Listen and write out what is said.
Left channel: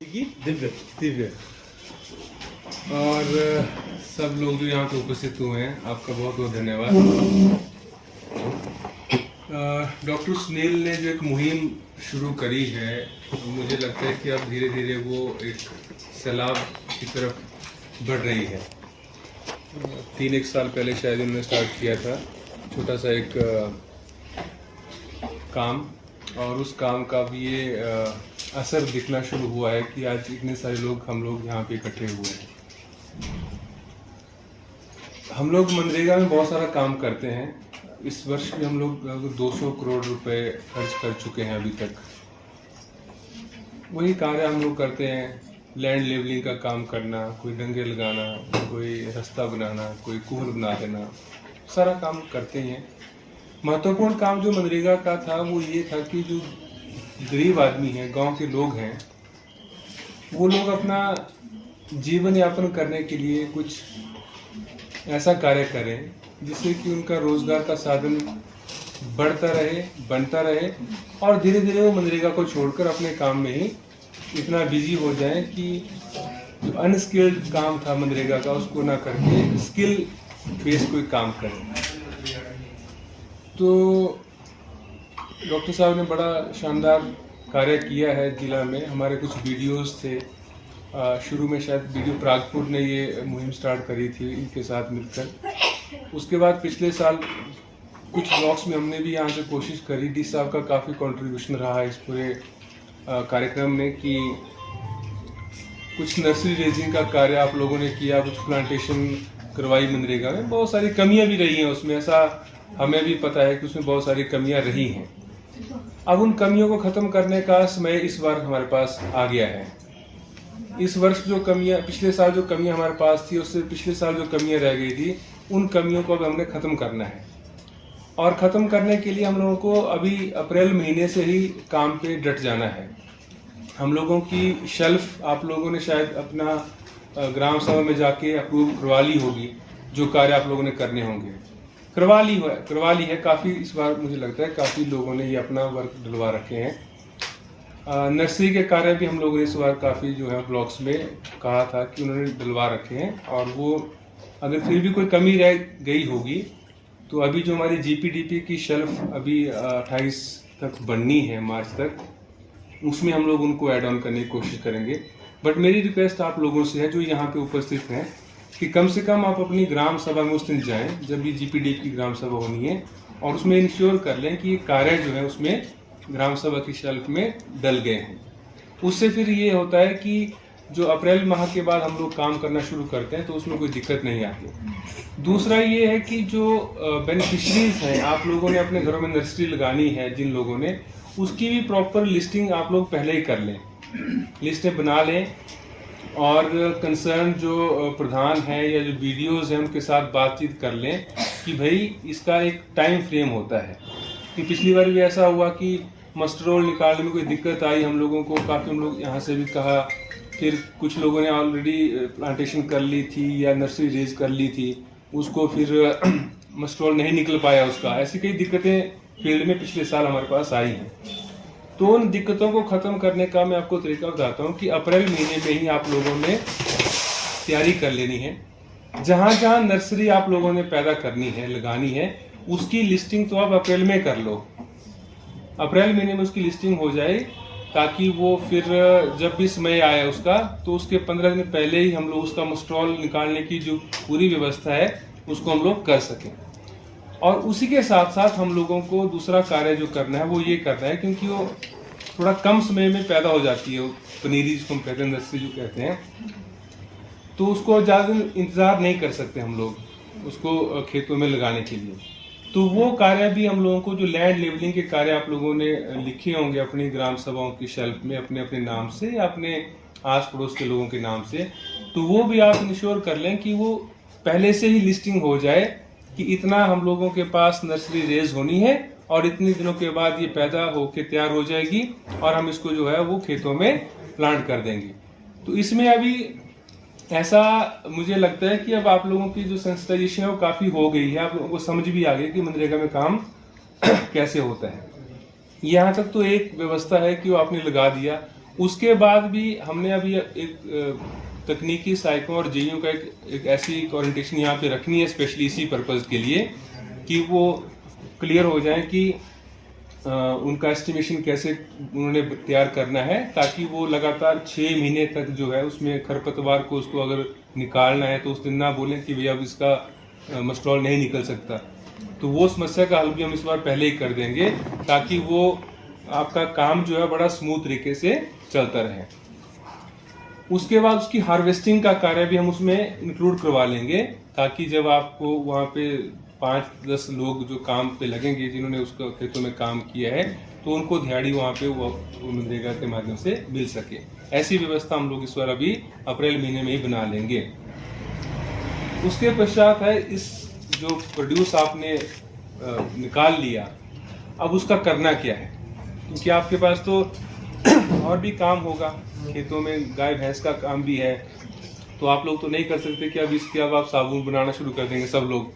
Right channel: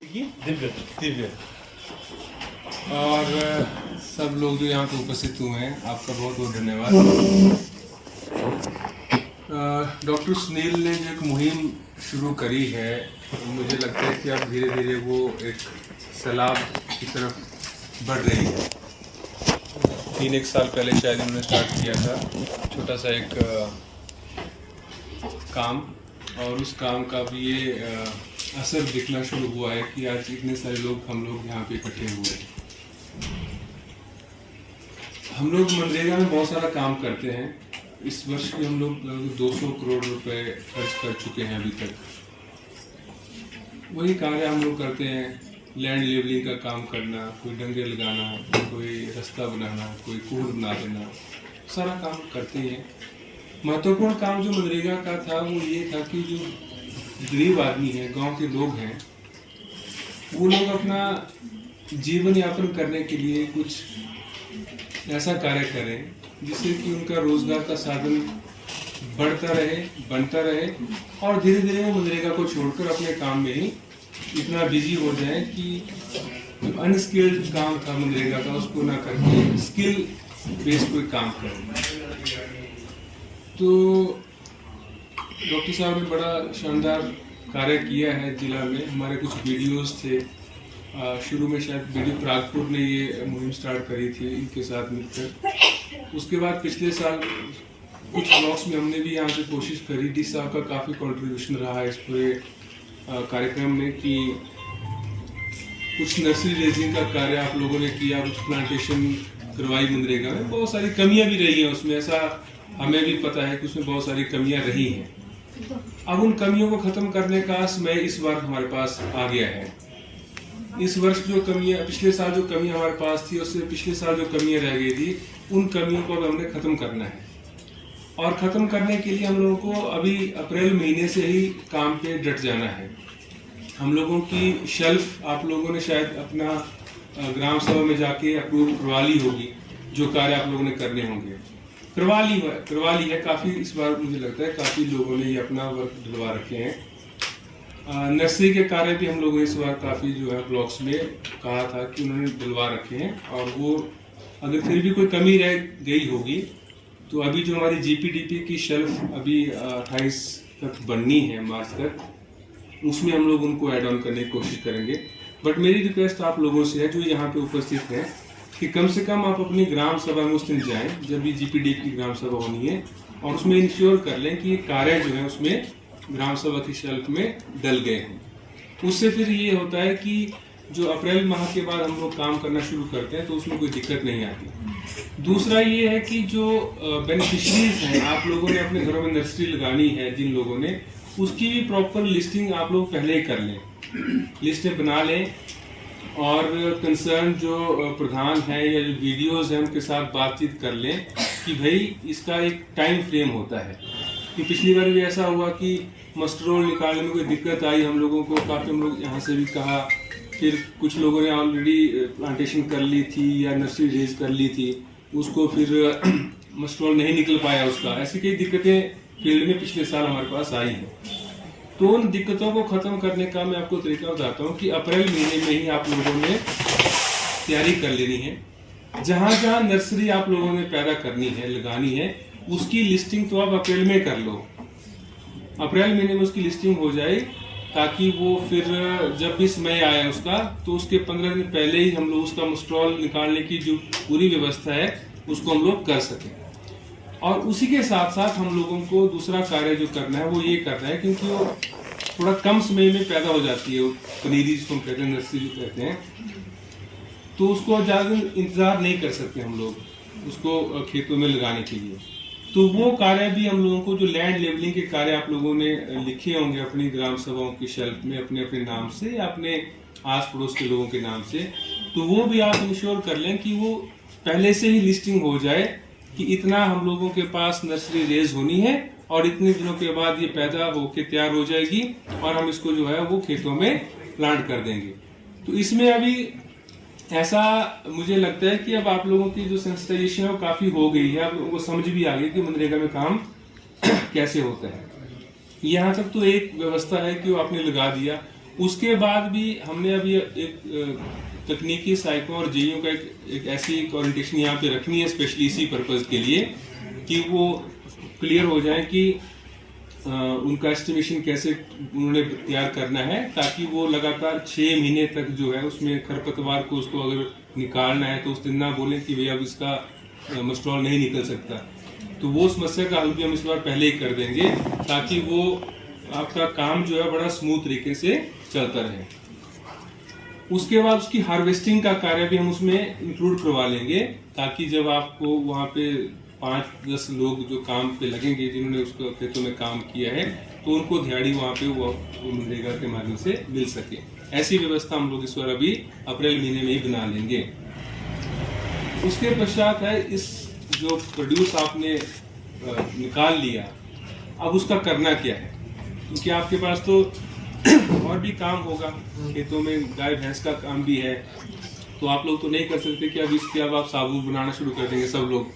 दिव्य दिव्य और सब लोग जो यहाँ पे उपस्थित हुए हैं, आपका बहुत बहुत धन्यवाद। डॉक्टर सुनील ने जो एक मुहिम शुरू करी है, मुझे लगता है कि अब धीरे धीरे वो एक सैलाब की तरफ बढ़ रही है। 3-1 साल पहले शायद उन्होंने स्टार्ट किया था छोटा सा एक काम, और उस काम का भी ये असर दिखना शुरू हुआ है कि आज इतने सारे हम लोग यहाँ पे इकट्ठे हुए हैं। हम लोग मनरेगा में बहुत सारा काम करते हैं। इस वर्ष भी हम लोग 200 करोड़ रुपए खर्च कर चुके हैं अभी तक। वही कार्य हम लोग करते हैं, लैंड लेवलिंग का काम करना, कोई डंगे लगाना, कोई रास्ता बनाना, कोई कुहर बना देना, सारा काम करते हैं। महत्वपूर्ण काम जो मनरेगा का था वो ये था कि जो गरीब आदमी है, गांव के लोग हैं, वो लोग अपना जीवन यापन करने के लिए कुछ ऐसा कार्य करें जिससे कि उनका रोजगार का साधन बढ़ता रहे, बनता रहे, और धीरे धीरे वो मनरेगा को छोड़कर अपने काम में ही इतना बिजी हो जाए कि अनस्किल्ड काम था मनरेगा का उसको ना करके स्किल बेस्ड कोई काम करें। तो डॉक्टर साहब ने बड़ा शानदार कार्य किया है जिला में। हमारे कुछ वीडियोस थे, शुरू में शायद वीडियो प्रागपुर ने ये मुहिम स्टार्ट करी थी इनके साथ मिलकर। उसके बाद पिछले साल कुछ ब्लॉग्स में हमने भी यहाँ से कोशिश करी। डी साहब का काफ़ी कंट्रीब्यूशन रहा इस पूरे कार्यक्रम में कि कुछ नर्सरी रेजिंग का कार्य आप लोगों ने किया, कुछ प्लांटेशन करवाई मनरेगा में। बहुत सारी कमियाँ भी रही हैं उसमें, ऐसा हमें भी पता है कि उसमें बहुत सारी कमियां रही हैं। अब उन कमियों को खत्म करने का समय इस बार हमारे पास आ गया है। इस वर्ष जो कमियां, पिछले साल जो कमियां हमारे पास थी, उससे पिछले साल जो कमियां रह गई थी, उन कमियों को अब हमने खत्म करना है। और खत्म करने के लिए हम लोगों को अभी अप्रैल महीने से ही काम पे डट जाना है। हम लोगों की शेल्फ आप लोगों ने शायद अपना ग्राम सभा में जाके अप्रूव करवा ली होगी, जो कार्य आप लोगों ने करने होंगे करवा ली है। काफ़ी इस बार मुझे लगता है काफ़ी लोगों ने ये अपना वर्क डलवा रखे हैं। नर्सरी के कार्य भी हम लोगों ने इस बार काफ़ी जो है ब्लॉक्स में कहा था कि उन्होंने डलवा रखे हैं। और वो अगर फिर भी कोई कमी रह गई होगी तो अभी जो हमारी जीपीडीपी की शेल्फ अभी 28 तक बननी है, मार्च तक, उसमें हम लोग उनको ऐड ऑन करने की कोशिश करेंगे। बट मेरी रिक्वेस्ट आप लोगों से है जो यहाँ पे उपस्थित हैं कि कम से कम आप अपनी ग्राम सभा में उस दिन जाएं जब भी जीपीडीपी की ग्राम सभा होनी है, और उसमें इंश्योर कर लें कि ये कार्य जो है उसमें ग्राम सभा की शेल्फ में डल गए हैं। उससे फिर ये होता है कि जो अप्रैल माह के बाद हम लोग काम करना शुरू करते हैं तो उसमें कोई दिक्कत नहीं आती। दूसरा ये है कि जो बेनिफिशरीज हैं, आप लोगों ने अपने घरों में नर्सरी लगानी है जिन लोगों ने, उसकी भी प्रॉपर लिस्टिंग आप लोग पहले ही कर लें, लिस्टें बना लें, और कंसर्न जो प्रधान हैं या जो वीडियोस हैं उनके साथ बातचीत कर लें कि भाई इसका एक टाइम फ्रेम होता है। कि पिछली बार भी ऐसा हुआ कि मस्टर रोल निकालने में कोई दिक्कत आई हम लोगों को, काफ़ी हम लोग यहाँ से भी कहा, फिर कुछ लोगों ने ऑलरेडी प्लांटेशन कर ली थी या नर्सरी रेज कर ली थी, उसको फिर मस्टर रोल नहीं निकल पाया उसका। ऐसी कई दिक्कतें फील्ड में पिछले साल हमारे पास आई हैं। तो उन दिक्कतों को खत्म करने का मैं आपको तरीका बताता हूँ कि अप्रैल महीने में ही आप लोगों ने तैयारी कर लेनी है। जहाँ जहाँ नर्सरी आप लोगों ने पैदा करनी है, लगानी है, उसकी लिस्टिंग तो आप अप्रैल में कर लो। अप्रैल महीने में उसकी लिस्टिंग हो जाए ताकि वो फिर जब भी समय आया उसका, तो उसके 15 दिन पहले ही हम लोग उसका मस्ट्रॉल निकालने की जो पूरी व्यवस्था है उसको हम लोग कर सकें। और उसी के साथ साथ हम लोगों को दूसरा कार्य जो करना है वो ये करना है, क्योंकि वो थोड़ा कम समय में पैदा हो जाती है, वो पनीरी जिसको हम कहते हैं, नर्सरी जो कहते हैं, तो उसको ज़्यादा इंतज़ार नहीं कर सकते हम लोग उसको खेतों में लगाने के लिए। तो वो कार्य भी हम लोगों को, जो लैंड लेवलिंग के कार्य आप लोगों ने लिखे होंगे अपनी ग्राम सभाओं की शेल्फ में अपने अपने नाम से या अपने आस पड़ोस के लोगों के नाम से, तो वो भी आप इंश्योर कर लें कि वो पहले से ही लिस्टिंग हो जाए कि इतना हम लोगों के पास नर्सरी रेज होनी है और इतने दिनों के बाद ये पैदा होके तैयार हो जाएगी और हम इसको जो है वो खेतों में प्लांट कर देंगे। तो इसमें अभी ऐसा मुझे लगता है कि अब आप लोगों की जो सेंसिटाइजेशन है वो काफ़ी हो गई है, आप लोगों को समझ भी आ गई कि मनरेगा में काम कैसे होता है। यहाँ तक तो एक व्यवस्था है कि वो आपने लगा दिया, उसके बाद भी हमने अभी एक तकनीकी साइको और जेईओ का एक ऐसी ओरिएंटेशन यहाँ पे रखनी है स्पेशली इसी पर्पज़ के लिए कि वो क्लियर हो जाए कि उनका एस्टिमेशन कैसे उन्होंने तैयार करना है, ताकि वो लगातार 6 महीने तक जो है उसमें खरपतवार को उसको अगर निकालना है तो उस दिन ना बोलें कि भैया अब इसका मस्टॉल नहीं निकल सकता। तो वो समस्या का हल भी हम इस बार पहले ही कर देंगे ताकि वो आपका काम जो है बड़ा स्मूथ तरीके से चलता रहे। उसके बाद उसकी हार्वेस्टिंग का कार्य भी हम उसमें इंक्लूड करवा लेंगे ताकि जब आपको वहाँ पे 5-10 लोग जो काम पे लगेंगे जिन्होंने उसको खेतों में काम किया है तो उनको दिहाड़ी वहाँ पे वो मनरेगा के माध्यम से मिल सके। ऐसी व्यवस्था हम लोग इस बार अभी अप्रैल महीने में ही बना लेंगे। उसके पश्चात है इस जो प्रोड्यूस आपने निकाल लिया, अब उसका करना क्या है, क्योंकि आपके पास तो और भी काम होगा, खेतों में गाय भैंस का काम भी है, तो आप लोग तो नहीं कर सकते कि अब इसके अब आप साबुन बनाना शुरू कर देंगे सब लोग।